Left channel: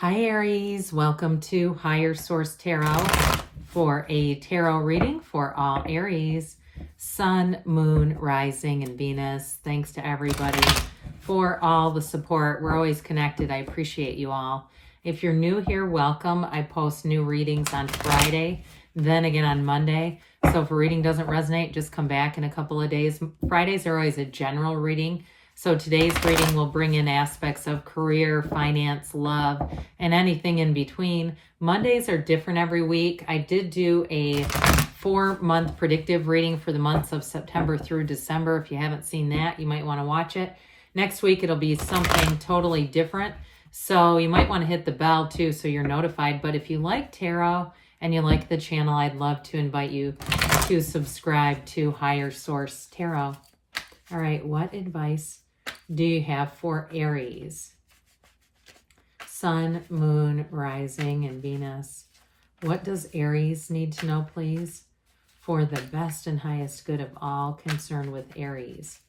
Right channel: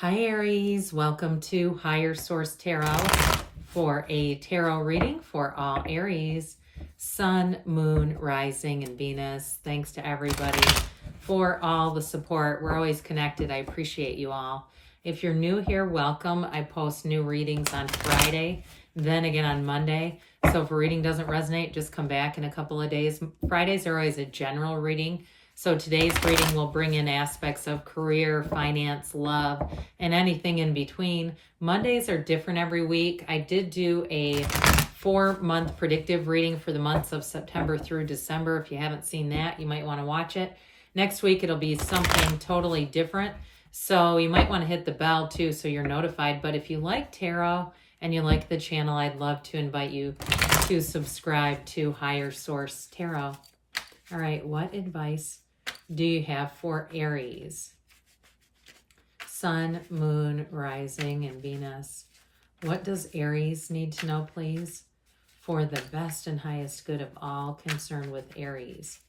Hi Aries, welcome to Higher Source Tarot for a tarot reading for all Aries, Sun, Moon, Rising, and Venus. Thanks to everybody for all the support. We're always connected. I appreciate you all. If you're new here, welcome. I post new readings on Friday, then again on Monday. So if a reading doesn't resonate, just come back in a couple of days. Fridays are always a general reading. So today's reading will bring in aspects of career, finance, love, and anything in between. Mondays are different every week. I did do a 4-month predictive reading for the months of September through December. If you haven't seen that, you might want to watch it. Next week, it'll be something totally different. So you might want to hit the bell too so you're notified. But if you like tarot and you like the channel, I'd love to invite you to subscribe to Higher Source Tarot. All right, what advice do you have for Aries? Sun, Moon, Rising, and Venus. What does Aries need to know, please, for the best and highest good of all concerned with Aries?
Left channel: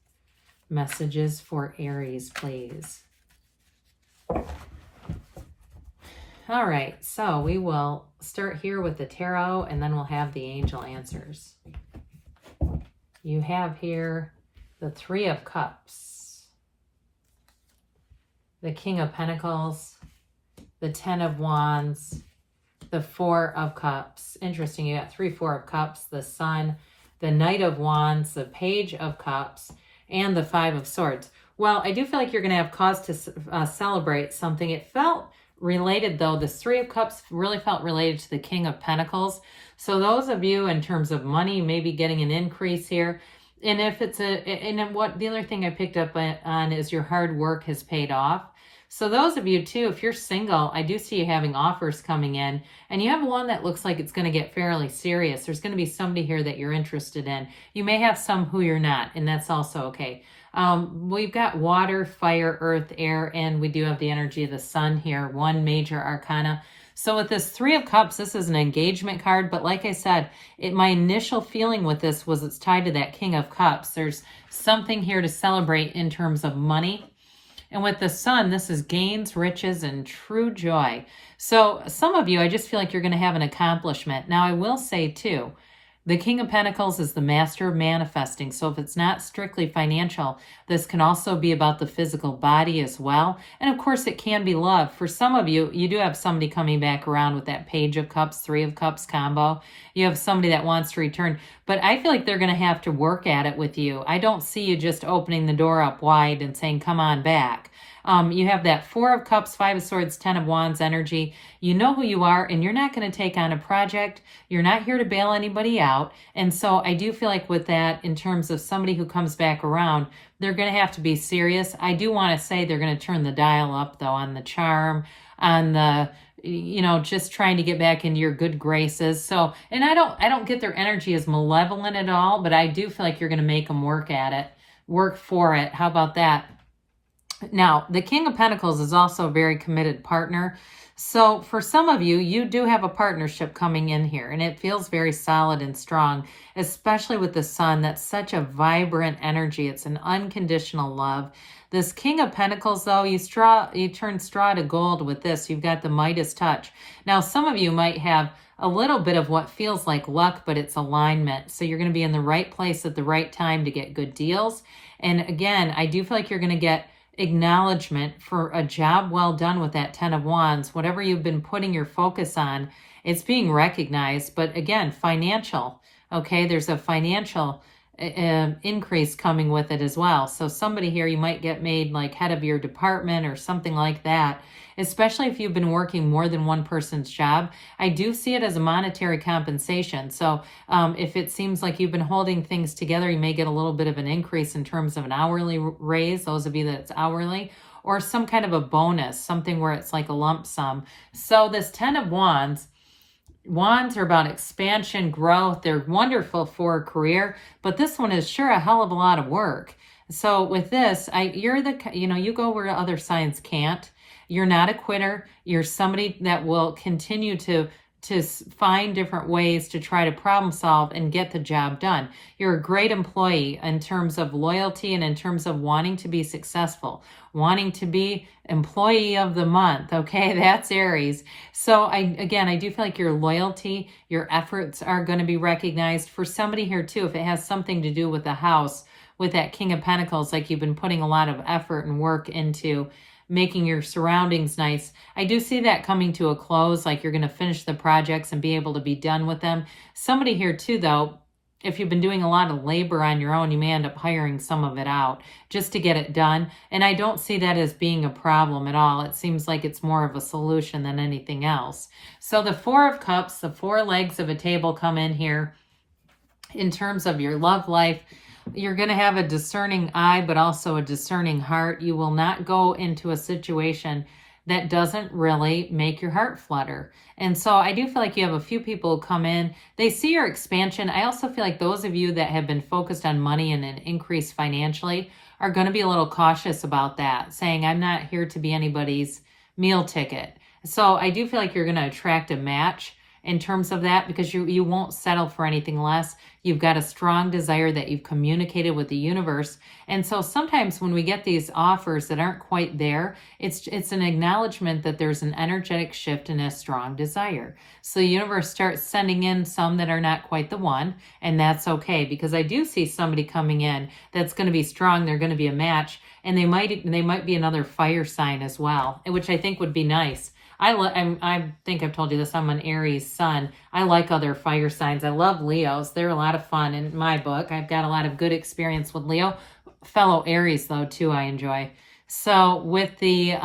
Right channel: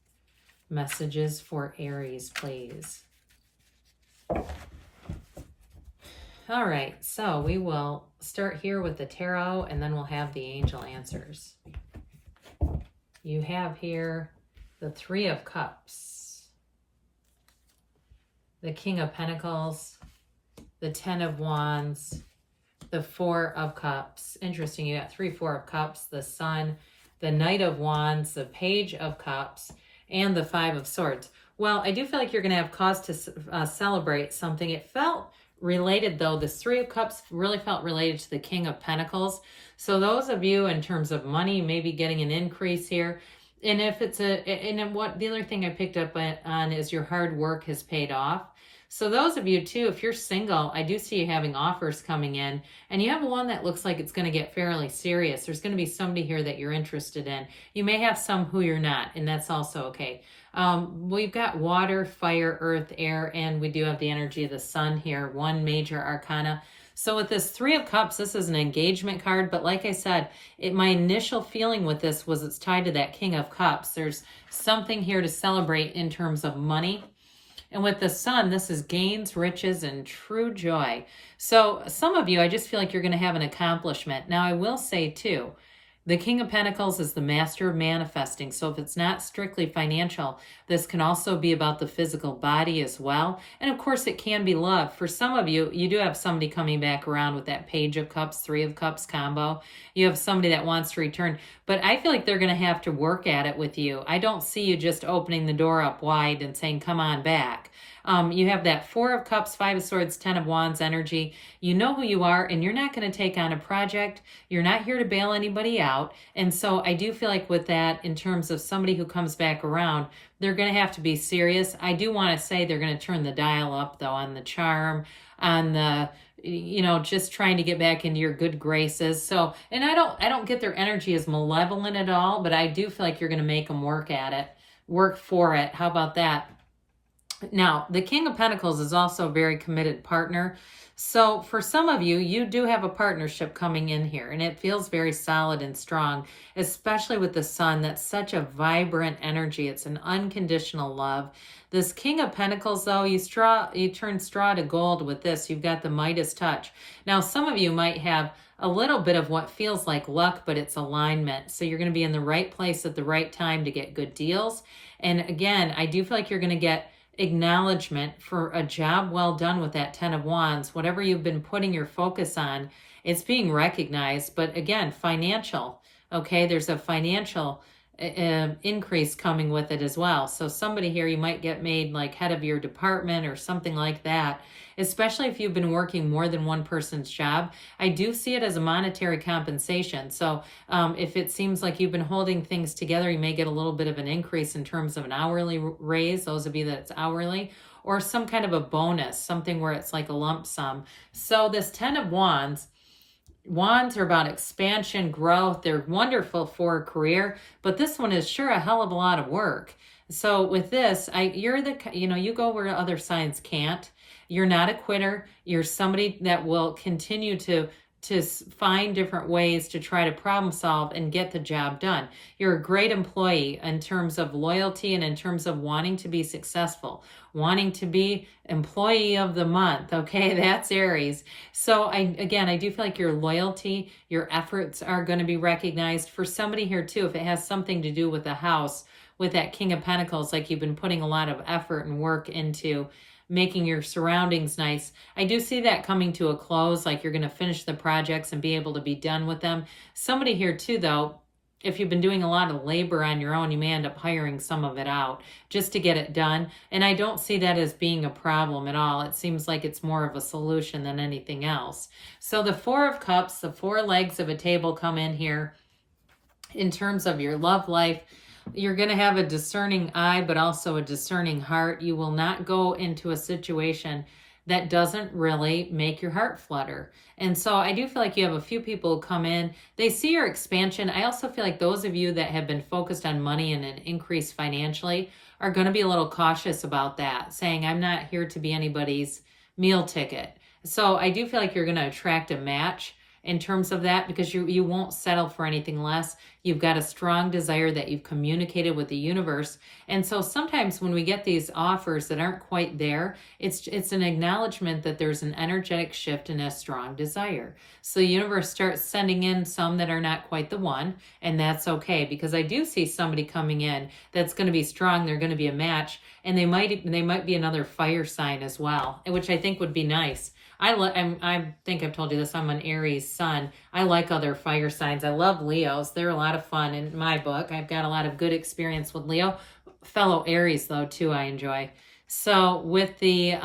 Messages for Aries, please. All right, so we will start here with the tarot, and then we'll have the angel answers. You have here the Three of Cups, the King of Pentacles, the Ten of Wands, the Four of Cups. Interesting, you got 3 4 of Cups, the Sun, the Knight of Wands, the Page of Cups, and the Five of Swords. Well, I do feel like you're going to have cause to celebrate something. It felt related, though. This Three of Cups really felt related to the King of Pentacles. So those of you, in terms of money, maybe getting an increase here. And if it's what the other thing I picked up on is your hard work has paid off. So those of you too, if you're single, I do see you having offers coming in, and you have one that looks like it's going to get fairly serious. There's going to be somebody here that you're interested in. You may have some who you're not, and that's also okay. We've got water, fire, earth, air, and we do have the energy of the sun here, one major arcana. So with this Three of Cups, this is an engagement card, but like I said, my initial feeling with this was it's tied to that King of Cups. There's something here to celebrate in terms of money. And with the sun, this is gains, riches, and true joy. So some of you, I just feel like you're going to have an accomplishment. Now, I will say too, the King of Pentacles is the master of manifesting. So if it's not strictly financial, this can also be about the physical body as well. And of course, it can be love. For some of you, you do have somebody coming back around with that Page of Cups, Three of Cups combo. You have somebody that wants to return. But I feel like they're going to have to work at it with you. I don't see you just opening the door up wide and saying, come on back. You have that Four of Cups, Five of Swords, Ten of Wands energy. You know who you are, and you're not going to take on a project. You're not here to bail anybody out. And so I do feel like with that, in terms of somebody who comes back around, they're going to have to be serious. I do want to say they're going to turn the dial up, though, on the charm, on the, just trying to get back into your good graces. So, and I don't get their energy as malevolent at all, but I do feel like you're going to make them work at it, work for it. How about that? Now, the King of Pentacles is also a very committed partner. So for some of you, you do have a partnership coming in here, and it feels very solid and strong, especially with the sun. That's such a vibrant energy. It's an unconditional love. This King of Pentacles, though, you turn straw to gold with this. You've got the Midas touch. Now, some of you might have a little bit of what feels like luck, but it's alignment. So you're going to be in the right place at the right time to get good deals. And again, I do feel like you're going to get acknowledgement for a job well done with that Ten of Wands. Whatever you've been putting your focus on, it's being recognized. But again, financial, okay? There's a financial increase coming with it as well. So somebody here, you might get made like head of your department or something like that, especially if you've been working more than one person's job. I do see it as a monetary compensation. So if it seems like you've been holding things together, you may get a little bit of an increase in terms of an hourly raise, those of you that's hourly, or some kind of a bonus, something where it's like a lump sum. So this Ten of Wands, Wands are about expansion, growth. They're wonderful for a career, but this one is sure a hell of a lot of work. So with this, you go where other signs can't. You're not a quitter. You're somebody that will continue to find different ways to try to problem solve and get the job done. You're a great employee in terms of loyalty and in terms of wanting to be successful. wanting to be employee of the month. Okay, that's Aries. So I do feel like your loyalty, your efforts are going to be recognized. For somebody here too, if it has something to do with the house, with that King of Pentacles, like you've been putting a lot of effort and work into making your surroundings nice. I do see that coming to a close, like you're going to finish the projects and be able to be done with them. Somebody here too, though, if you've been doing a lot of labor on your own, you may end up hiring some of it out just to get it done. And I don't see that as being a problem at all. It seems like it's more of a solution than anything else. So the Four of Cups, the four legs of a table come in here. In terms of your love life, you're going to have a discerning eye, but also a discerning heart. You will not go into a situation that doesn't really make your heart flutter. And so I do feel like you have a few people who come in, they see your expansion. I also feel like those of you that have been focused on money and an increase financially are going to be a little cautious about that, saying, I'm not here to be anybody's meal ticket. So I do feel like you're going to attract a match in terms of that, because you won't settle for anything less. You've got a strong desire that you've communicated with the universe. And so sometimes when we get these offers that aren't quite there, it's an acknowledgement that there's an energetic shift and a strong desire. So the universe starts sending in some that are not quite the one, and that's okay, because I do see somebody coming in that's going to be strong. They're going to be a match, and they might be another fire sign as well, which I think would be nice. I think I've told you this. I'm an Aries sun. I like other fire signs. I love Leos. They're a lot of fun in my book. I've got a lot of good experience with Leo. Fellow Aries, though, too, I enjoy. So with the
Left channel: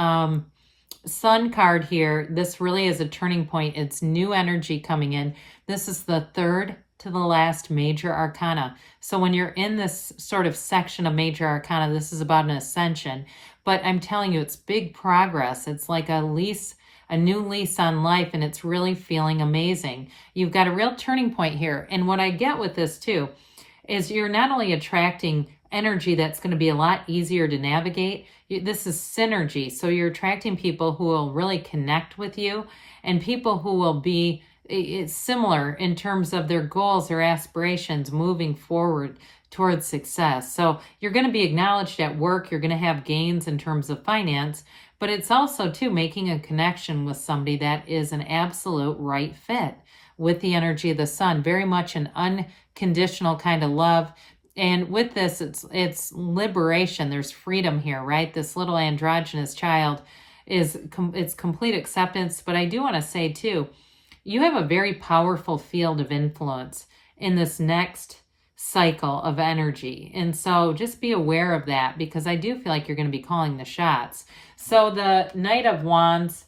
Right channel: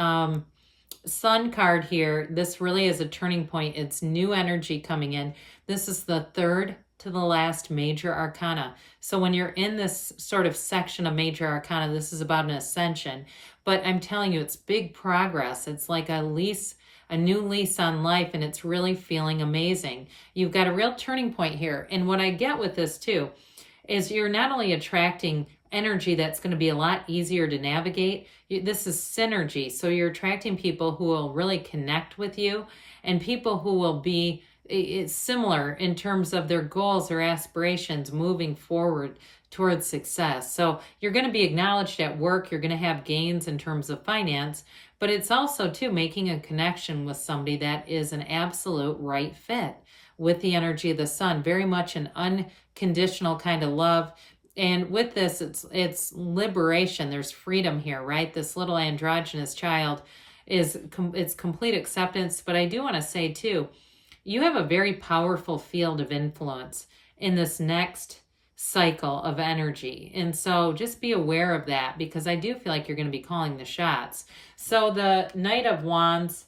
Sun card here, this really is a turning point. It's new energy coming in. This is the third to the last major arcana. So when you're in this sort of section of major arcana, this is about an ascension. But I'm telling you, it's big progress. It's like a new lease on life, and it's really feeling amazing. You've got a real turning point here. And what I get with this too is you're not only attracting energy that's going to be a lot easier to navigate, this is synergy. So you're attracting people who will really connect with you, and people who will be similar in terms of their goals or aspirations moving forward towards success. So you're going to be acknowledged at work. You're going to have gains in terms of finance, but it's also too making a connection with somebody that is an absolute right fit with the energy of the sun, very much an unconditional kind of love. And with this, it's liberation. There's freedom here, right? This little androgynous child it's complete acceptance. But I do want to say too, you have a very powerful field of influence in this next cycle of energy. And so just be aware of that, because I do feel like you're going to be calling the shots. So the Knight of Wands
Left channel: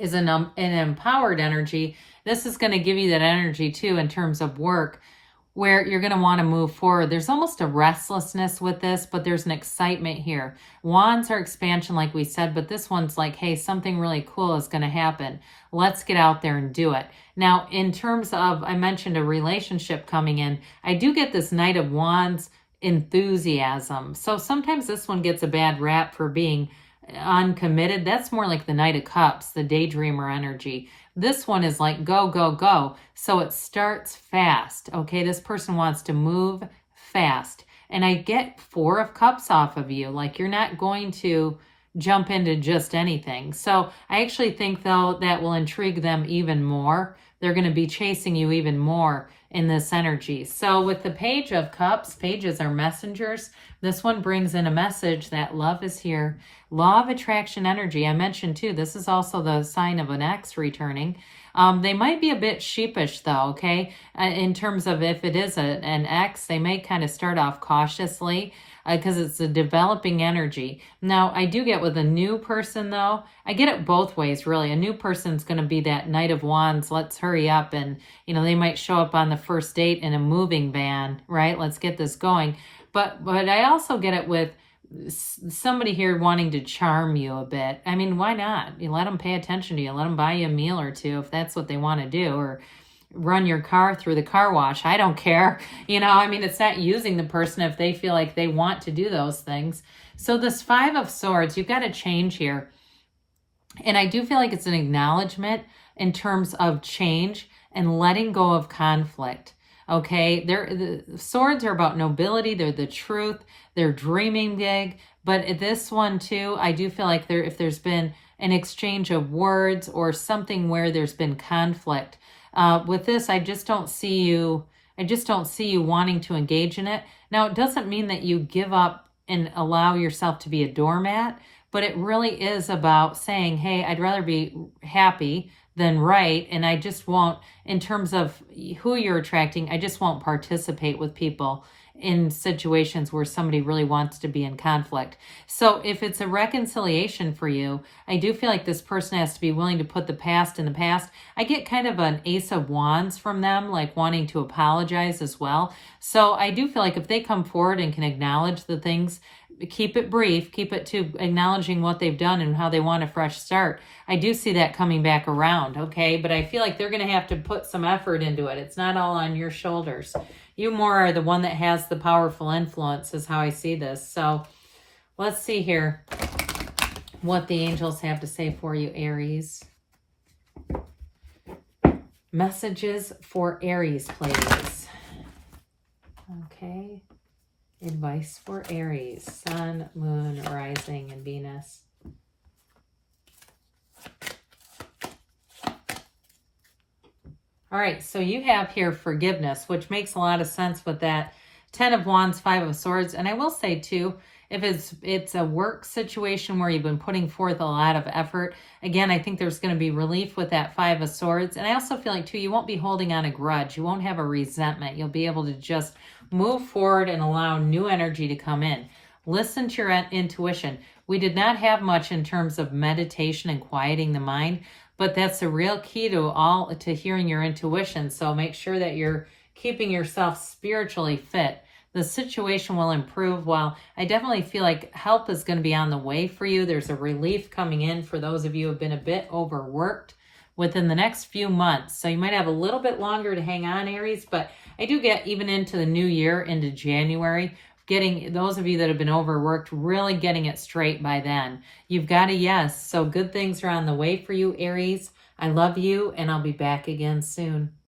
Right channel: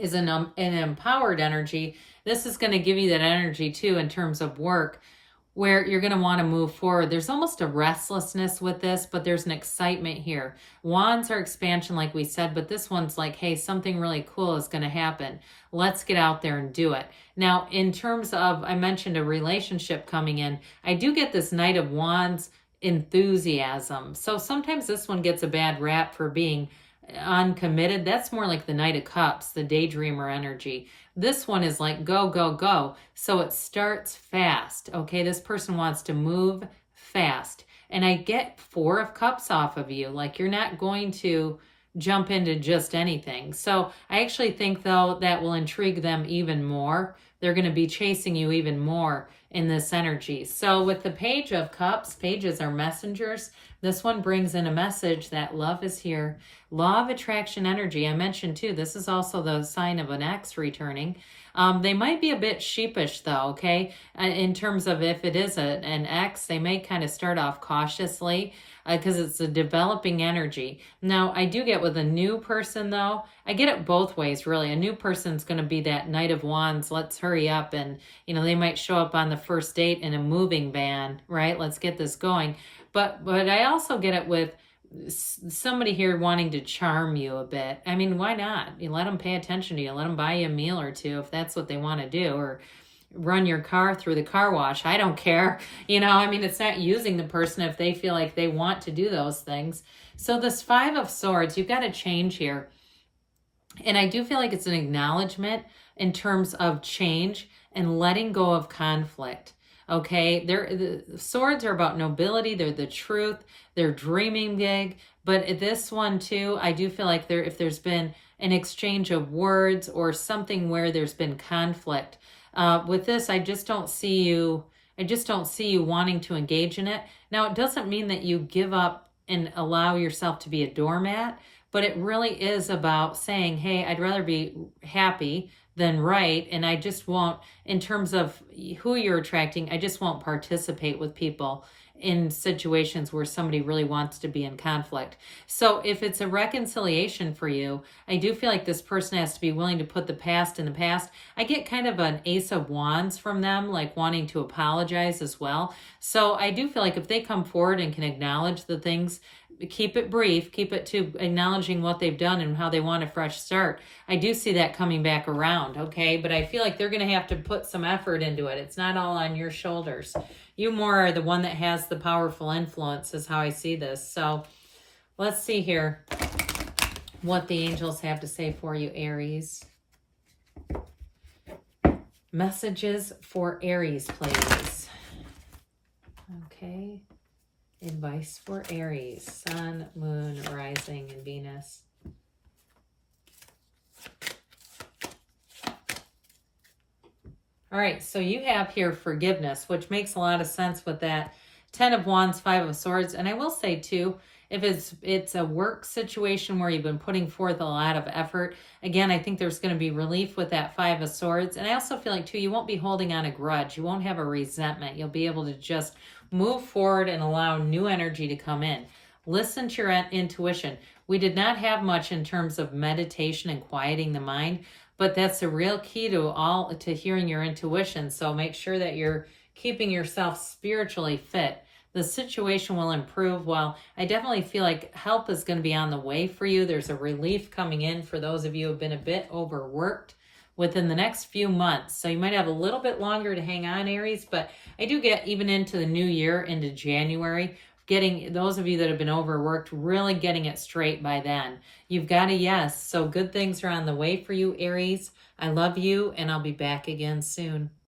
is an empowered energy. This is going to give you that energy too in terms of work, where you're going to want to move forward. There's almost a restlessness with this, but there's an excitement here. Wands are expansion, like we said, but this one's like, hey, something really cool is going to happen. Let's get out there and do it. Now, in terms of, I mentioned a relationship coming in, I do get this Knight of Wands enthusiasm. So sometimes this one gets a bad rap for being uncommitted. That's more like the Knight of Cups, the daydreamer energy. This one is like go, go, go. So it starts fast. Okay, this person wants to move fast. And I get Four of Cups off of you. Like you're not going to jump into just anything. So I actually think, though, that will intrigue them even more. They're going to be chasing you even more in this energy. So with the Page of Cups, pages are messengers. This one brings in a message that love is here. Law of attraction energy. I mentioned too, this is also the sign of an ex returning. They might be a bit sheepish though, okay? In terms of if it is an ex, they may kind of start off cautiously because it's a developing energy. Now, I do get with a new person though, I get it both ways really. A new person's going to be that Knight of Wands, let's hurry up, and they might show up on the first date in a moving van, right? Let's get this going. But I also get it with somebody here wanting to charm you a bit. I mean, why not? You let them pay attention to you. Let them buy you a meal or two if that's what they want to do, or run your car through the car wash. I don't care. It's not using the person if they feel like they want to do those things. So this Five of Swords, you've got to change here. And I do feel like it's an acknowledgement in terms of change and letting go of conflict. Okay, the swords are about nobility. They're the truth. They're dreaming big, But this one too, I do feel like if there's been an exchange of words or something where there's been conflict, with this, I just don't see you wanting to engage in it. Now, it doesn't mean that you give up and allow yourself to be a doormat, but it really is about saying, hey, I'd rather be happy than right, and I just won't, in terms of who you're attracting, I just won't participate with people in situations where somebody really wants to be in conflict. So if it's a reconciliation for you, I do feel like this person has to be willing to put the past in the past. I get kind of an Ace of Wands from them, like wanting to apologize as well. So I do feel like if they come forward and can acknowledge the things, keep it brief, keep it to acknowledging what they've done and how they want a fresh start. I do see that coming back around, okay? But I feel like they're going to have to put some effort into it. It's not all on your shoulders. You more are the one that has the powerful influence is how I see this. So let's see here what the angels have to say for you, Aries. Messages for Aries, please. Okay. Advice for Aries, Sun, Moon, Rising, and Venus. All right, so you have here forgiveness, which makes a lot of sense with that 10 of Wands, 5 of Swords. And I will say, too, if it's a work situation where you've been putting forth a lot of effort, again, I think there's going to be relief with that 5 of Swords. And I also feel like, too, you won't be holding on a grudge. You won't have a resentment. You'll be able to just move forward and allow new energy to come in. Listen to your intuition. We did not have much in terms of meditation and quieting the mind, but that's a real key to hearing your intuition. So make sure that you're keeping yourself spiritually fit. The situation will improve. While I definitely feel like help is going to be on the way for you, there's a relief coming in for those of you who have been a bit overworked within the next few months. So you might have a little bit longer to hang on, Aries, but I do get even into the new year, into January, getting those of you that have been overworked, really getting it straight by then. You've got a yes. So good things are on the way for you, Aries. I love you, and I'll be back again soon.